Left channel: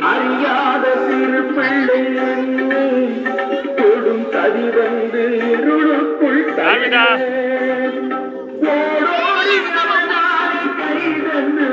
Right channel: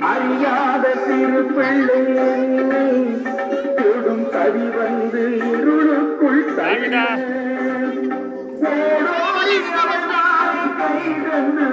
அறியாத சிறு பிள்ளை. தொடும் சதி வந்து இருளுக்குள் ராமிதா. ஓடோடி அவள் நாடி கை தந்து. மீட்டா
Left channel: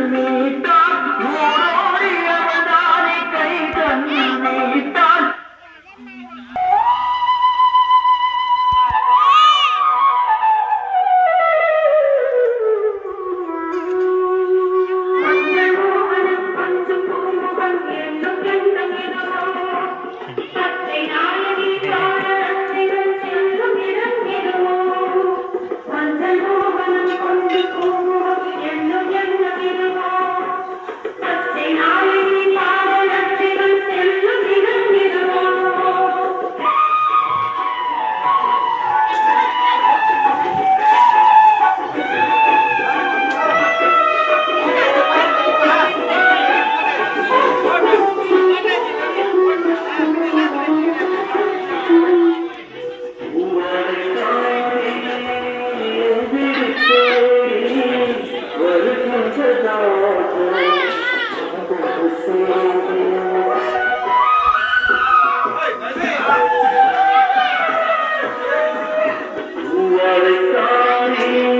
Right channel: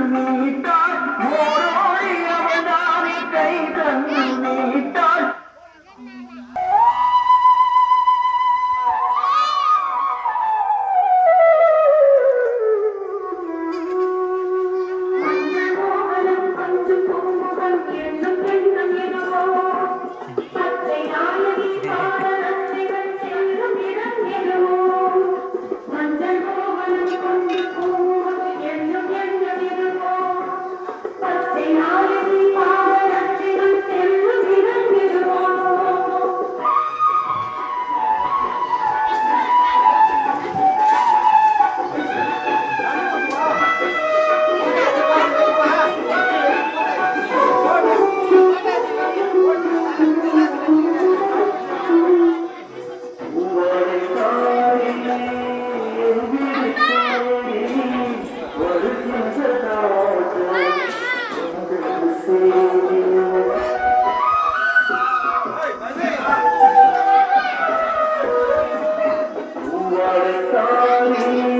Christ.